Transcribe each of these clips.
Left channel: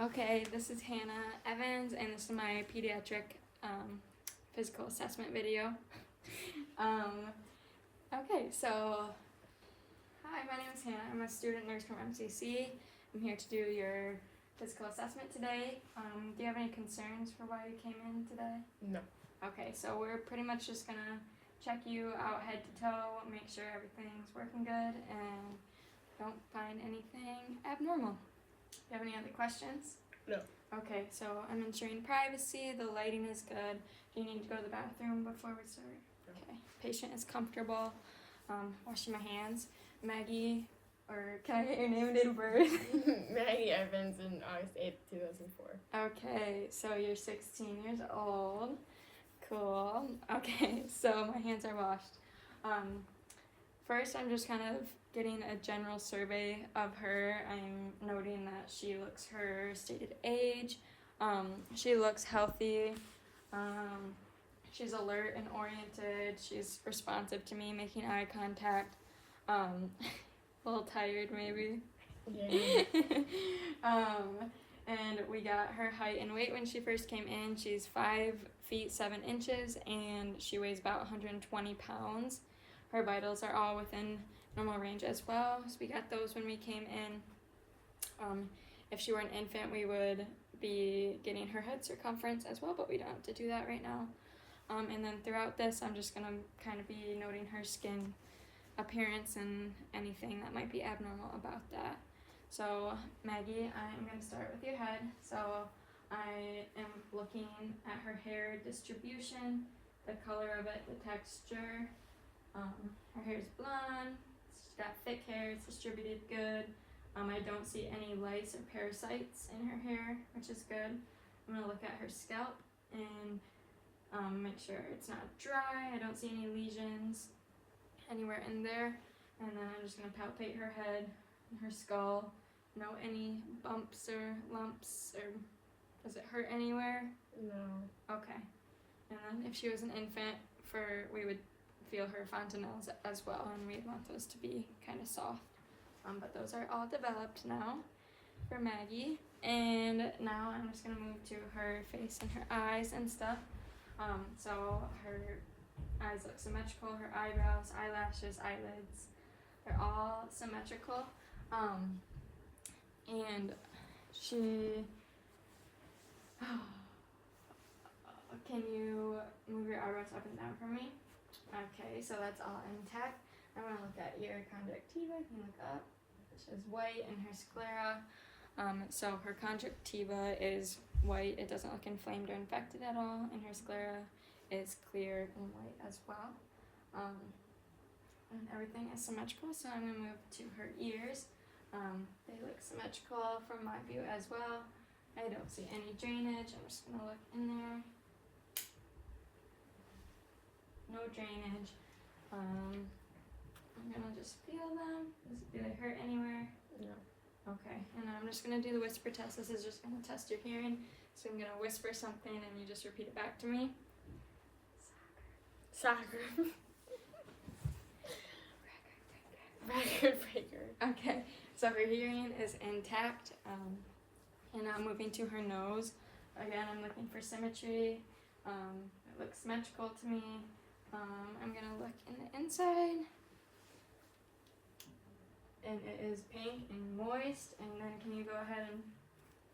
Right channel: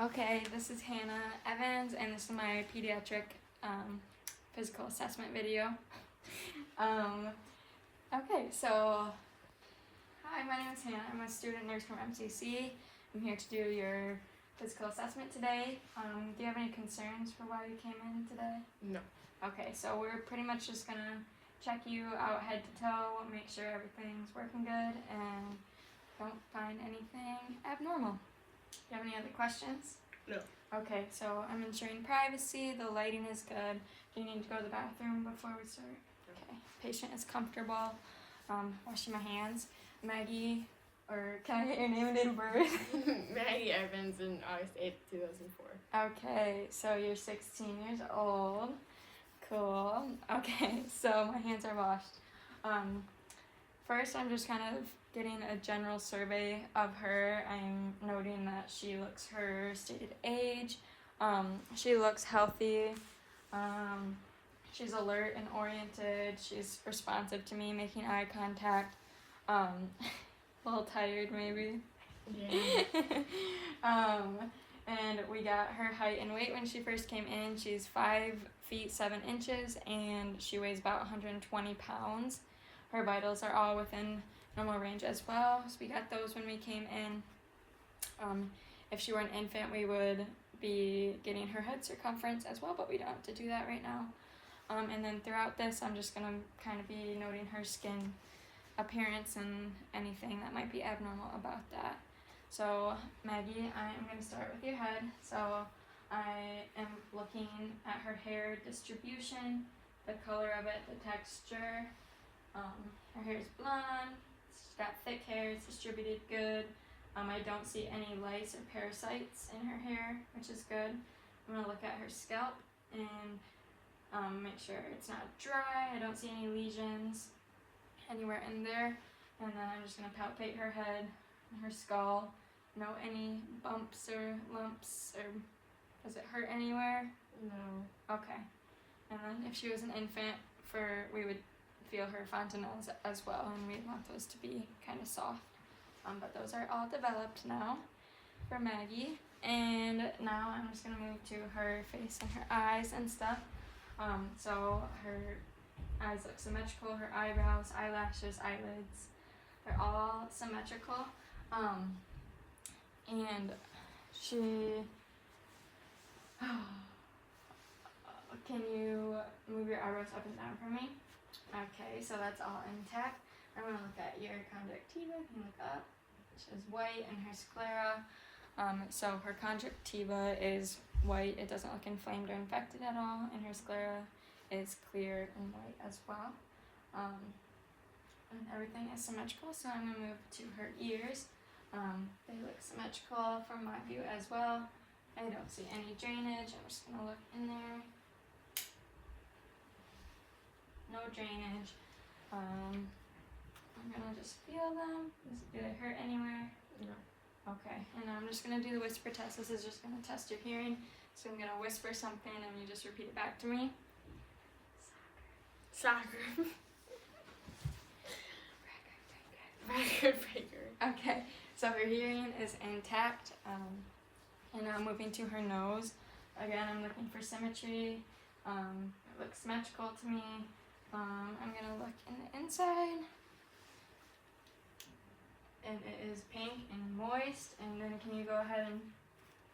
Okay, this is Hannah Evans, and this is my pediatric physical assessment video. Okay, so hi, my name is Hannah. I'm a student nurse from MCC. I'm here to do your physical assessment today. Do you have any concerns for why you came in today? No. Okay, so we're pretty much just gonna check you out head to toe, make sure everything's working good, and don't find anything abnormal. Do you have any other questions? No. Okay, so I'm ensuring privacy, the lighting is good. Do you need to go to the bathroom before we start? No. Okay, patient is comfortable. Washing my hands. Maggie, or can I get your name and date of birth? Maggie Evans in August 8th, 2004. Okay, so you're 16 years old. Cool. Okay, so my hands are washed. First, I'm just kind of getting a general survey of her. I'm noting that she looks her stated age. She looks healthy. She's alert and oriented. She's responsive to me, making eye contact. A little tired maybe. Yeah. And we got her height and weight when she first came in. She's 5 feet 7 inches and she weighs about 120 pounds. Her vitals are all within normal range as well, so we got those when we came in. If she were an infant, we would be getting her head circumference as well, but we don't have to do that right now. And then throughout this, I'm just gonna kind of be noting her skin appearance and anything that might be abnormal about that. So Maggie, I am gonna start with your head. So I am looking at her hair distribution, the color of it, the texture. Her hair is blonde, she's got thick hair, it's distributed good. I don't see any lice or parasites in her hair, which is good. I'm going to look at her scalp and make sure it's not dry. I don't see any lesions anywhere in there. And then I'm just going to palpate her head and her skull. No any bumps or lumps, or does it hurt anywhere? No. Okay. And then if she was an infant, we would feel her fontanelles as well, and we'd want those to be kind of soft. But those are all developed now for Maggie. And now I'm just gonna move to her face and her eyes and stuff. So her eyes look symmetrical, her eyebrows, eyelashes, eyelids, they're all symmetrical. And she, can you move your eyebrows up and down for me? Okay, so that's all intact. I'm going to look at your conjunctiva. Can you look up? Which is white, and her sclera. So her conjunctiva is white. It doesn't look inflamed or infected at all. And her sclera is clear and white as well. And everything is symmetrical. So I'm going to move to her ears. They look symmetrical from my view as well. I don't see any drainage. I'm just going to look in there. No drainage. I'm gonna just feel them. Do they hurt anywhere? No. Okay, and I'm just gonna do the whisper test. This is just gonna test your hearing. So I'm gonna whisper something and you just repeat it back to me. Soccer. Record breaker. Okay, so her hearing is intact. And now moving to her nose. Again, I'm looking for symmetry. It looks symmetrical to me. I'm gonna look in the inside, and it is pink and moist. And then can you go ahead and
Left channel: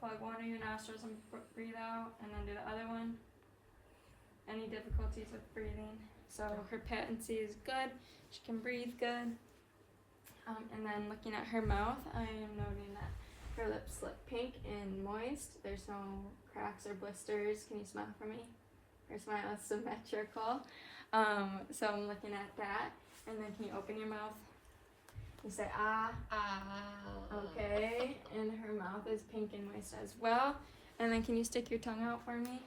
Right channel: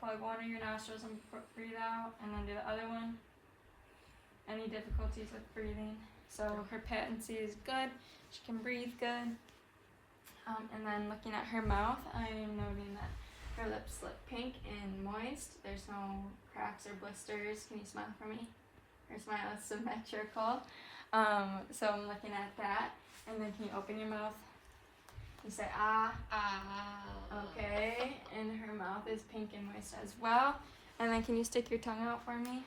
plug one of your nostrils and breathe out, and then do the other one? Any difficulties with breathing? So her patency is good, she can breathe good. And then looking at her mouth, I am noting that her lips look pink and moist. There's no cracks or blisters. Can you smile for me? Her smile is symmetrical. So I'm looking at that, and then can you open your mouth? You say ah. Ah. Okay, and her mouth is pink and moist as well. And then can you stick your tongue out for me?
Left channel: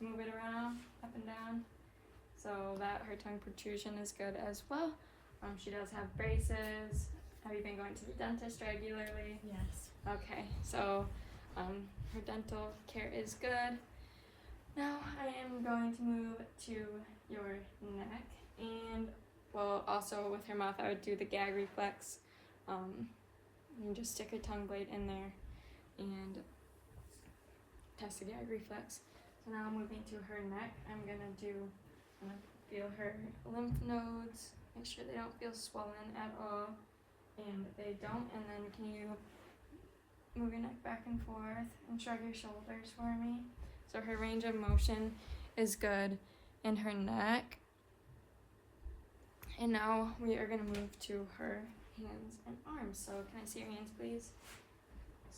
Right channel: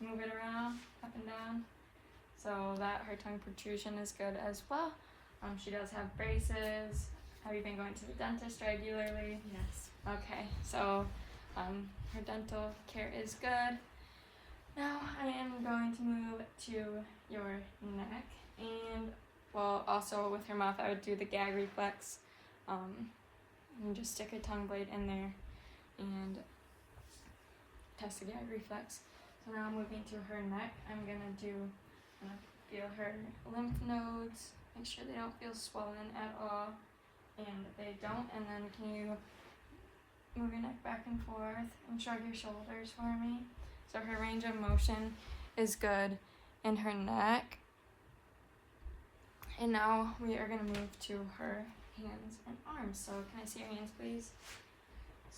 Move it around, up and down, so that her tongue protrusion is good as well. She does have braces. Have you been going to the dentist regularly? Yes. Okay, so her dental care is good. Now I am going to move to your neck, and well, also with her mouth I would do the gag reflex, and just stick a tongue blade in there and test the gag reflex. So now moving to her neck, I'm gonna feel her lymph nodes, make sure they don't feel swollen at all, and they don't. And then can you move your neck back and forth and shrug your shoulders for me? So her range of motion is good in her neck. And now we are going to move to her hands and arms. So can I see your hands, please?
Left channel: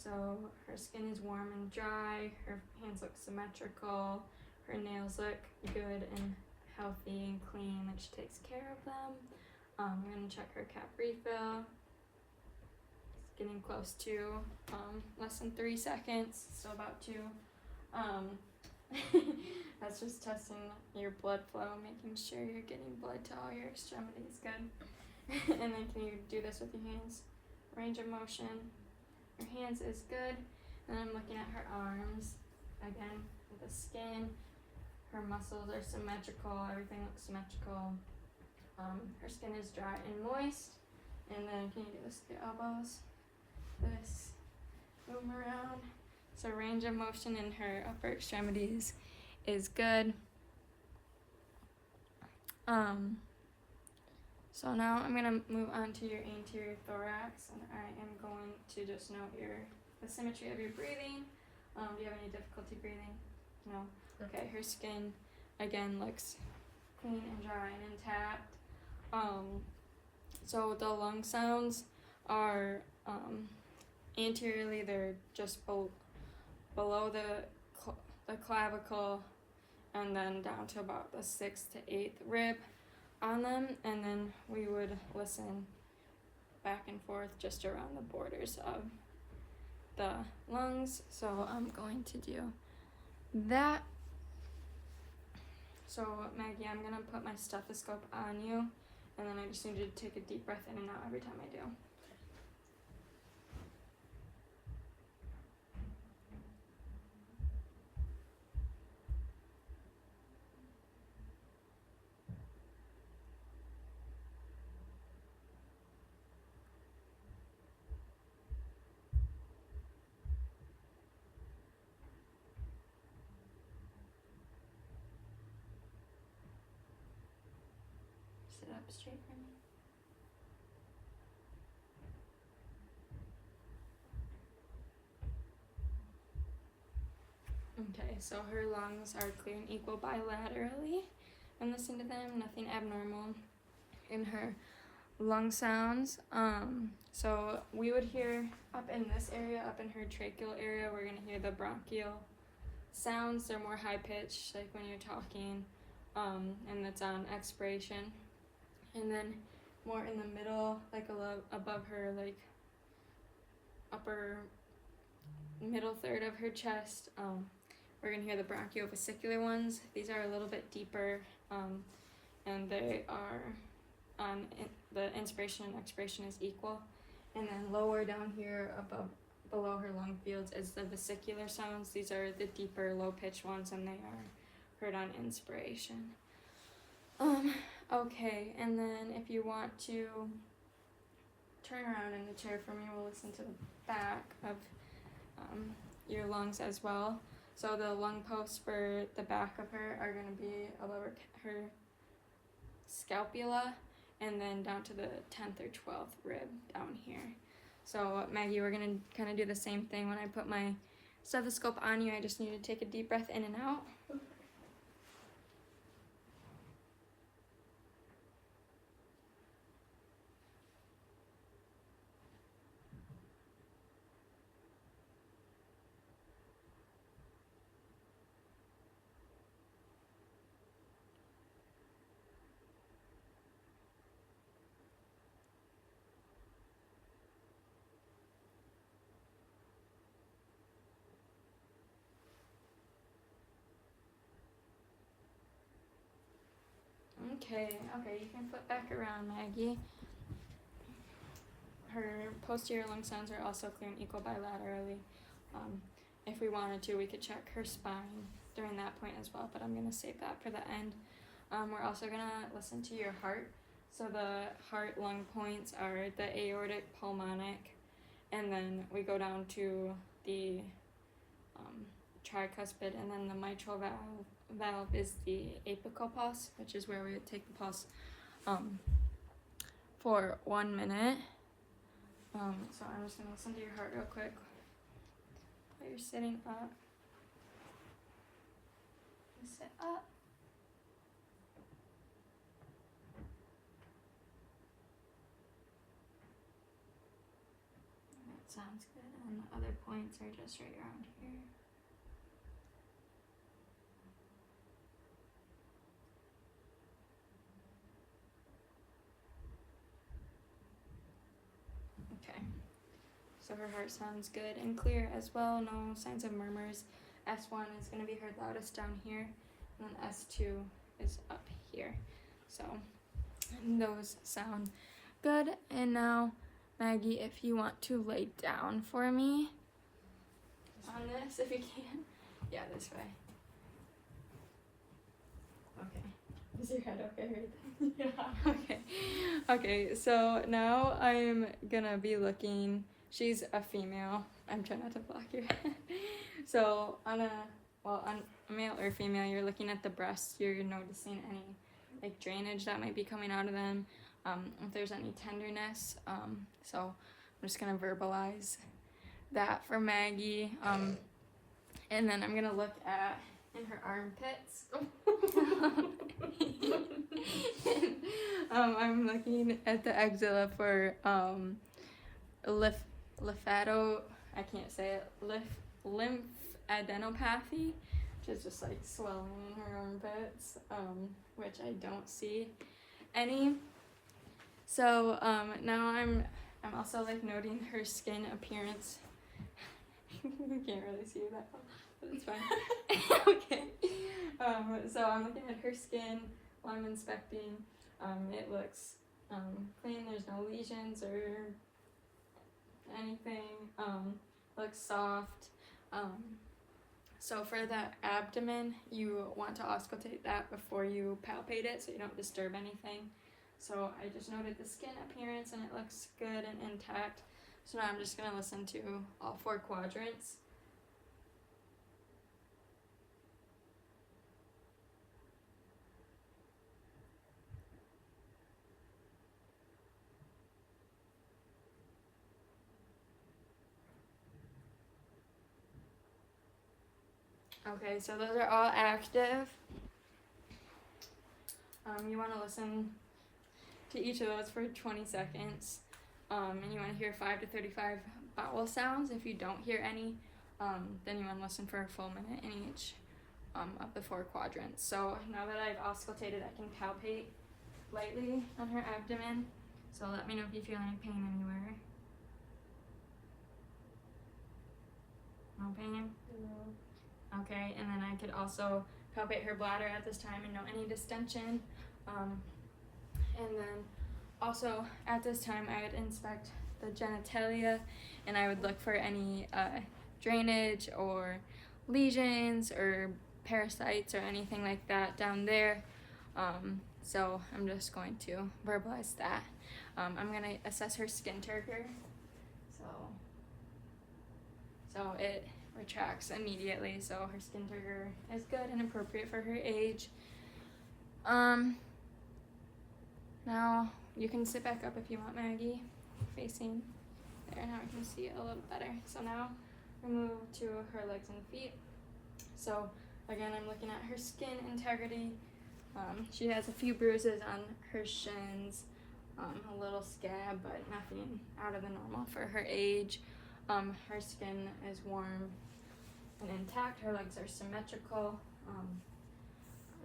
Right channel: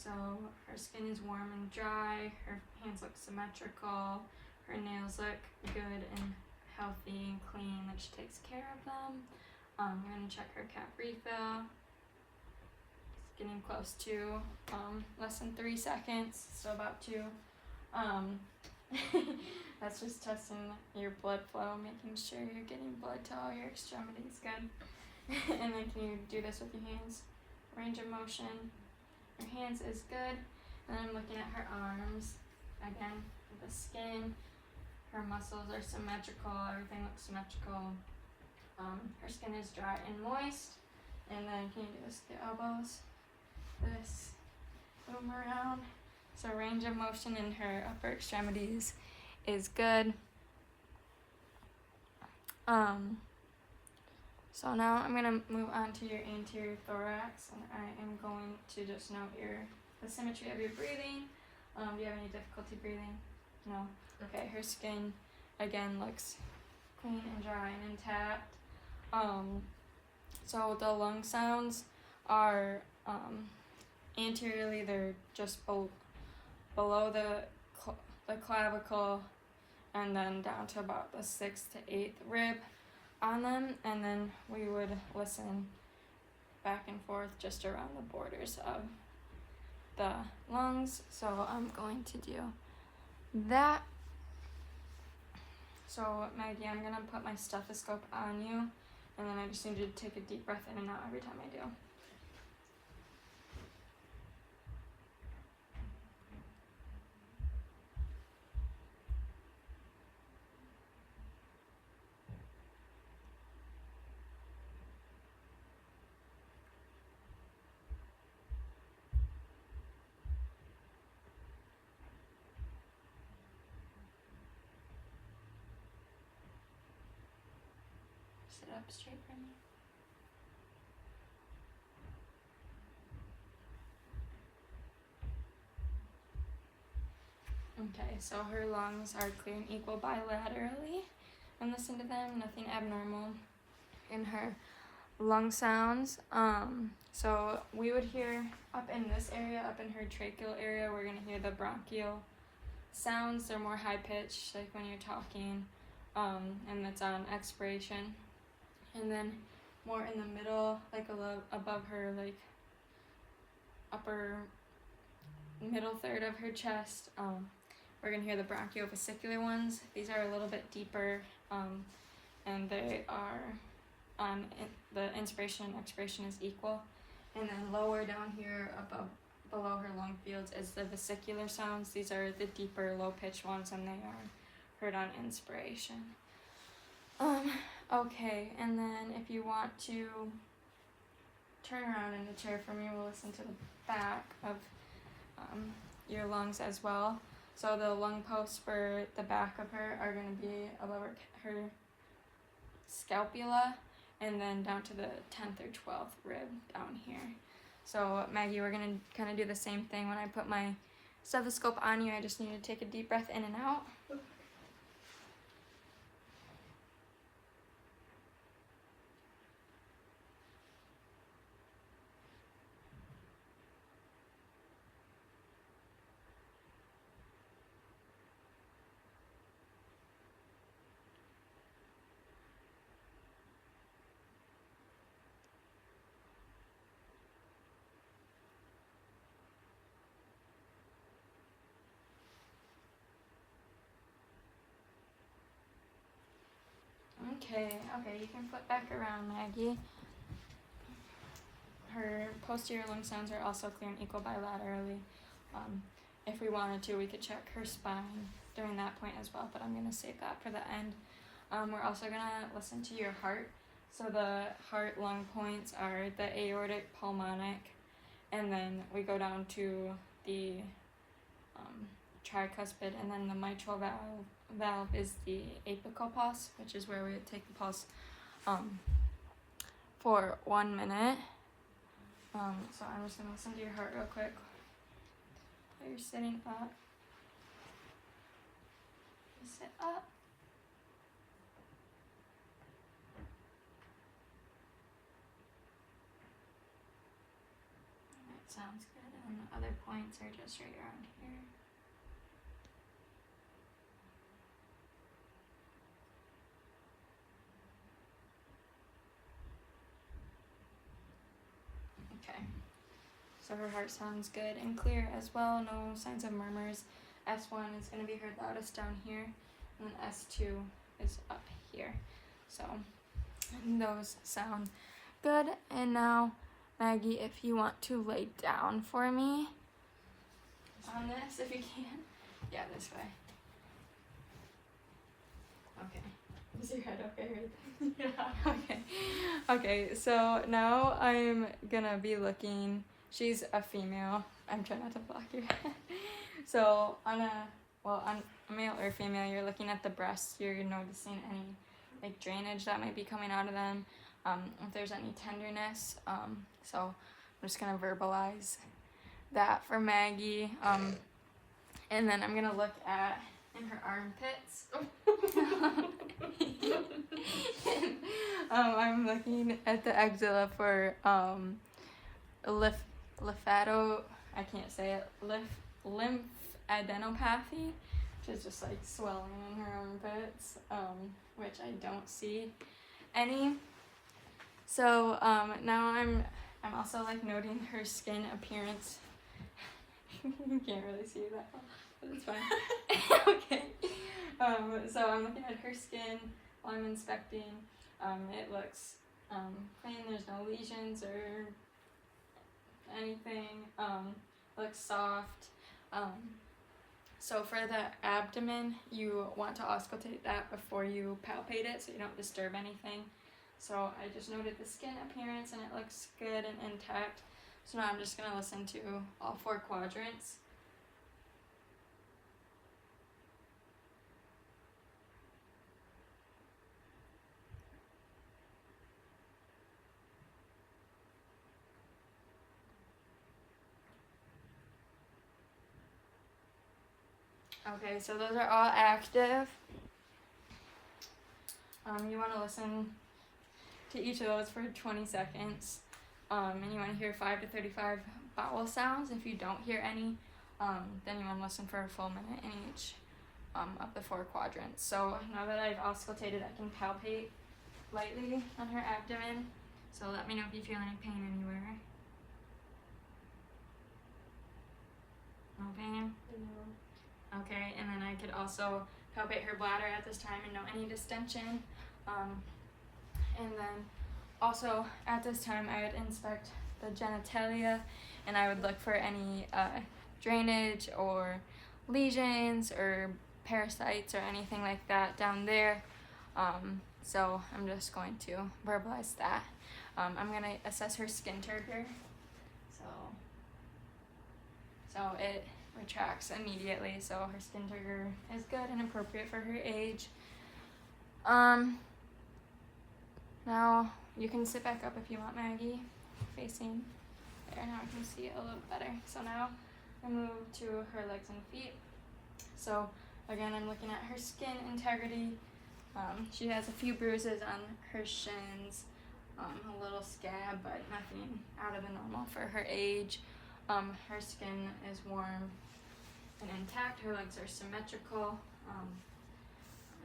So her skin is warm and dry, her hands look symmetrical, her nails look good and healthy and clean, like she takes care of them. We're going to check her cap refill. It's getting close to less than 3 seconds, so about 2. That's just testing your blood flow, making sure you're getting blood to all your extremities good. And then can you do this with your hands? Range of motion. Your hands is good. And then looking at her arms, again, the skin, her muscles are symmetrical, everything looks symmetrical. Her skin is dry and moist. And then can you do this with your elbows? This, move around. So range of motion in her upper extremities is good. So now I'm gonna move on to your anterior thorax, and I am going to just note the symmetry of your breathing. Do you have any difficulty breathing? No? Okay, her skin again looks clean and dry and intact. So the lung sounds are anteriorly, they're just below the clavicle, and then down to about the 6th to 8th rib on them, and then we would listen back and forth just around the borders of the lungs. So I'm going to do that. So Maggie, I'm gonna put my stethoscope on you, and then I just need you to take a deep breath in and out every time I do. Sit up straight for me. Okay, so her lungs are clear and equal bilaterally. And listen to them, nothing abnormal in her lung sounds. So we would hear up in this area, up in her tracheal area, we're gonna hear the bronchial sounds. They're more high pitched, like when you're talking, and it's on expiration. And then more in the middle, like above her, like upper middle third of her chest, we're gonna hear the bronchiovesicular ones. These are a little bit deeper, and they are the inspiration and expiration is equal. And then lower down here below her lung fields is the vesicular sounds. These are the deeper, low-pitched ones, and they are heard on inspiration. Okay, and then if you want to turn around in the chair for me, we'll listen to the back of your lungs as well. So the lung posts for the back of her are going to be above her scapula, and then down to the 10th or 12th rib down here. So Maggie, we're going to kind of do the same thing. When I put my stethoscope on you, I just need to take a deep breath in and out. Okay, you can flip back around, Maggie. Her posterior lung sounds are also clear and equal bilaterally. If we wanted to, we could check her spine during that point as well, but I'm going to save that for the end. We're also going to listen to your heart. So the heart lung points are the aortic, pulmonic, and then we go down to the tricuspid, and then the mitral valve is the apical pulse, which is where we take the pulse for 1 minute. So I'm just gonna listen to your heart real quick while you're sitting up. You sit up. That sounds good. And the other points are just right around here. Okay. So her heart sounds good and clear as well. No signs of murmurs. S1 is going to be her loudest down here, and then S2 is up here. So those sound good. And now, Maggie, if you want to lay down for me on this, if you can. Yeah, this way. Okay. Is your head okay right there? Yeah. Okay. Okay, so now I'm gonna be looking. She's a female. I'm trying not to block your head. So on a male or female, you're looking at the breasts. You're noticing any like drainage that might be coming out of them. If there's any tenderness. So I'm just gonna verbalize that for Maggie. And then I'm gonna look at in her armpits. I'm looking at the axilla for lymphadenopathy, which is just like swelling in her armpits, which I don't see any. So now I'm also like noting her skin appearance. You can't really see that one, but it's fine. Okay. So I'm looking at her skin while I'm inspecting. It looks clean. There's no lesions or anything. Looks soft. So for the abdomen, you want to auscultate that before you palpate it, so you don't disturb anything. So I just noted the skin appearance, and it looks good and intact. So now I'm just gonna listen to all 4 quadrants. Okay, so those are all active. You want to listen to each of those for 20 seconds. And you want to hear 5 to 35 vowel sounds. If you don't hear any, then you want to listen for a full minute in each of the 4 quadrants. So now that I've auscultated, I can palpate lightly on her abdomen. So let me know if you feel any pain anywhere. No pain? No. Okay, and then I could also palpate her bladder at this time and know any distension. And then also at this time I would inspect the genitalia, and I would look for any drainage or lesions or parasites or anything like that down there. So I'm just going to verbalize that. I'm going to assess her skin turgor. So it retracts immediately, so her skin turgor is good and appropriate for her age. Now you can sit back up if you want, Maggie, facing there. Now I can see it a little better. So now I move to her legs and feet. So again, I'm looking at her skin integrity. She has a few bruises on her shins, a little scab, but nothing out of the normal for her age. Her skin is warm and intact. Her legs are symmetrical.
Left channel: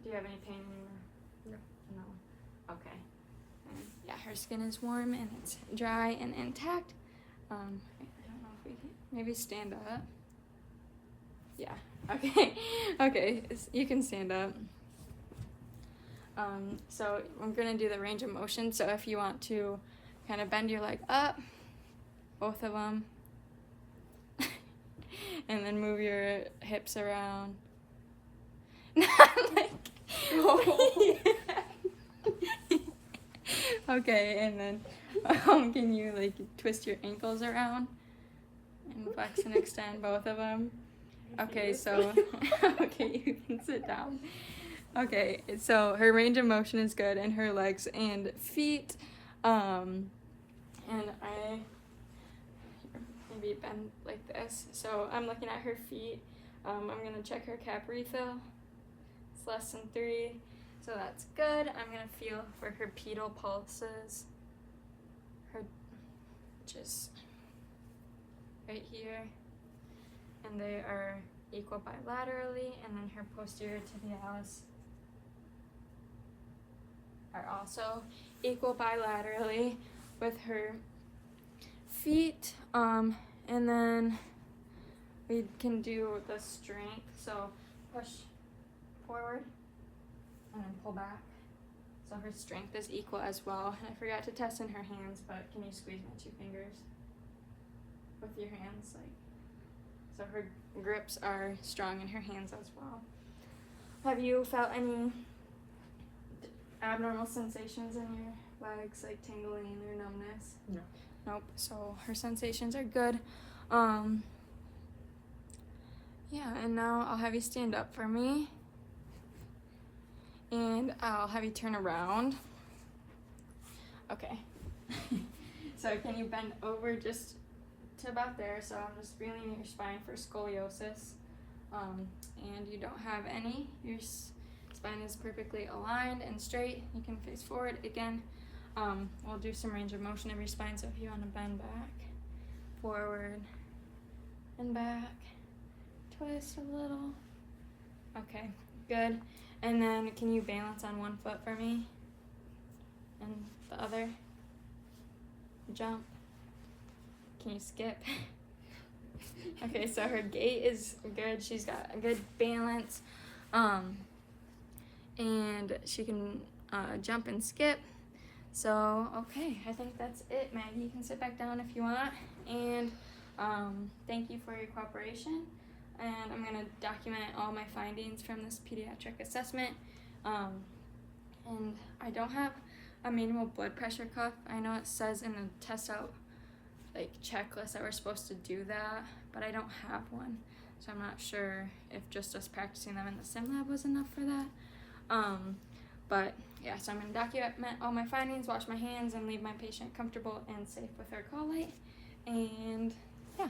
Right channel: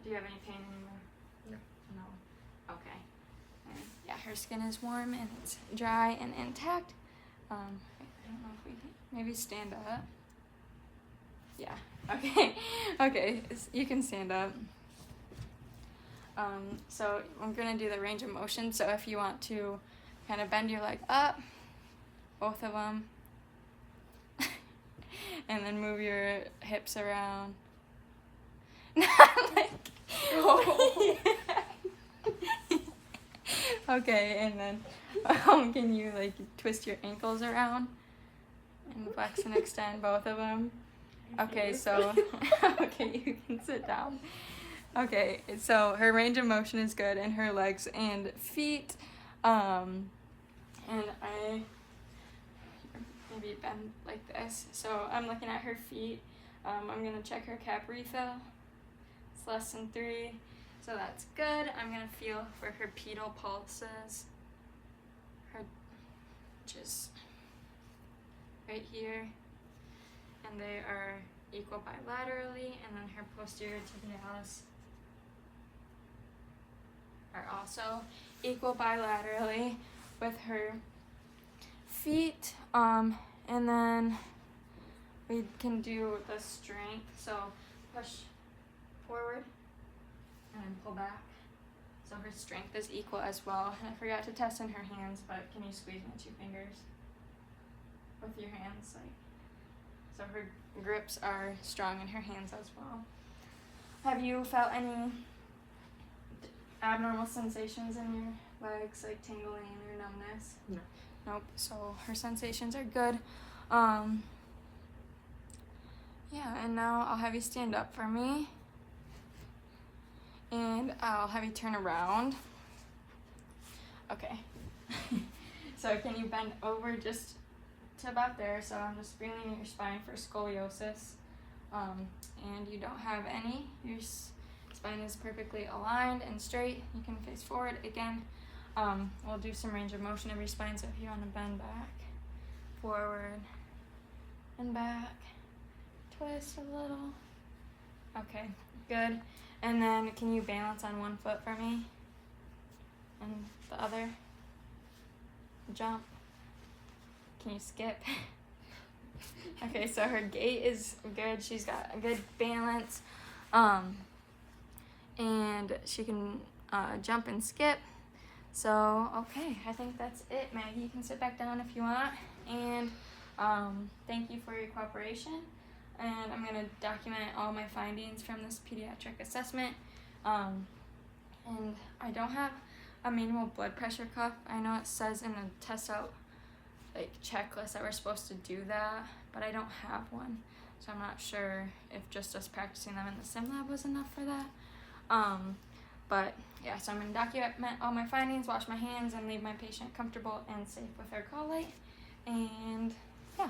Do you have any pain anywhere? No. Okay. And yeah, her skin is warm and it's dry and intact. I don't know if we can maybe stand up. Yeah. Okay. Okay. You can stand up. So I'm gonna do the range of motion. So if you want to kind of bend your leg up, both of them, and then move your hips around. Okay, and then can you like twist your ankles around and flex and extend both of them, Okay, so okay, you can sit down. Okay, so her range of motion is good in her legs and feet. And I maybe bend like this. So I'm looking at her feet. I'm gonna check her cap refill. It's less than 3, so that's good. I'm gonna feel for her pedal pulses. Which is right here, and they are equal bilaterally, and then her posterior tibialis are also equal bilaterally with her feet. And then we can do the strength, so push forward and then pull back. So her strength is equal as well. And I forgot to test in her hands, but can you squeeze my 2 fingers with your hands? So her grips are strong in her hands as well. Have you felt any abnormal sensations in your legs, like tingling or numbness? No. Nope. So her sensations are good. Yeah, and now I'll have you stand up for me. And I'll have you turn around. Okay. So can you bend over just to about there? So I'm just feeling your spine for scoliosis. And you don't have any. Your spine is perfectly aligned and straight. You can face forward again. We'll do some range of motion of your spine. So if you want to bend back, forward, and back, twist a little. Okay, good. And then can you balance on one foot for me? And the other? Jump. Can you skip? Okay, so her gait is good. She's got a good balance. And she can jump and skip. So, okay, I think that's it, Maggie. You can sit back down if you want. And thank you for your cooperation. And I'm going to document all my findings from this pediatric assessment. And I don't have a manual blood pressure cuff. I know it says in the test out checklist that we're supposed to do that, but I don't have one. So I'm not sure if just us practicing them in the sim lab was enough for that. But yeah, so I'm going to document all my findings, wash my hands, and leave my patient comfortable and safe with her call light. And yeah.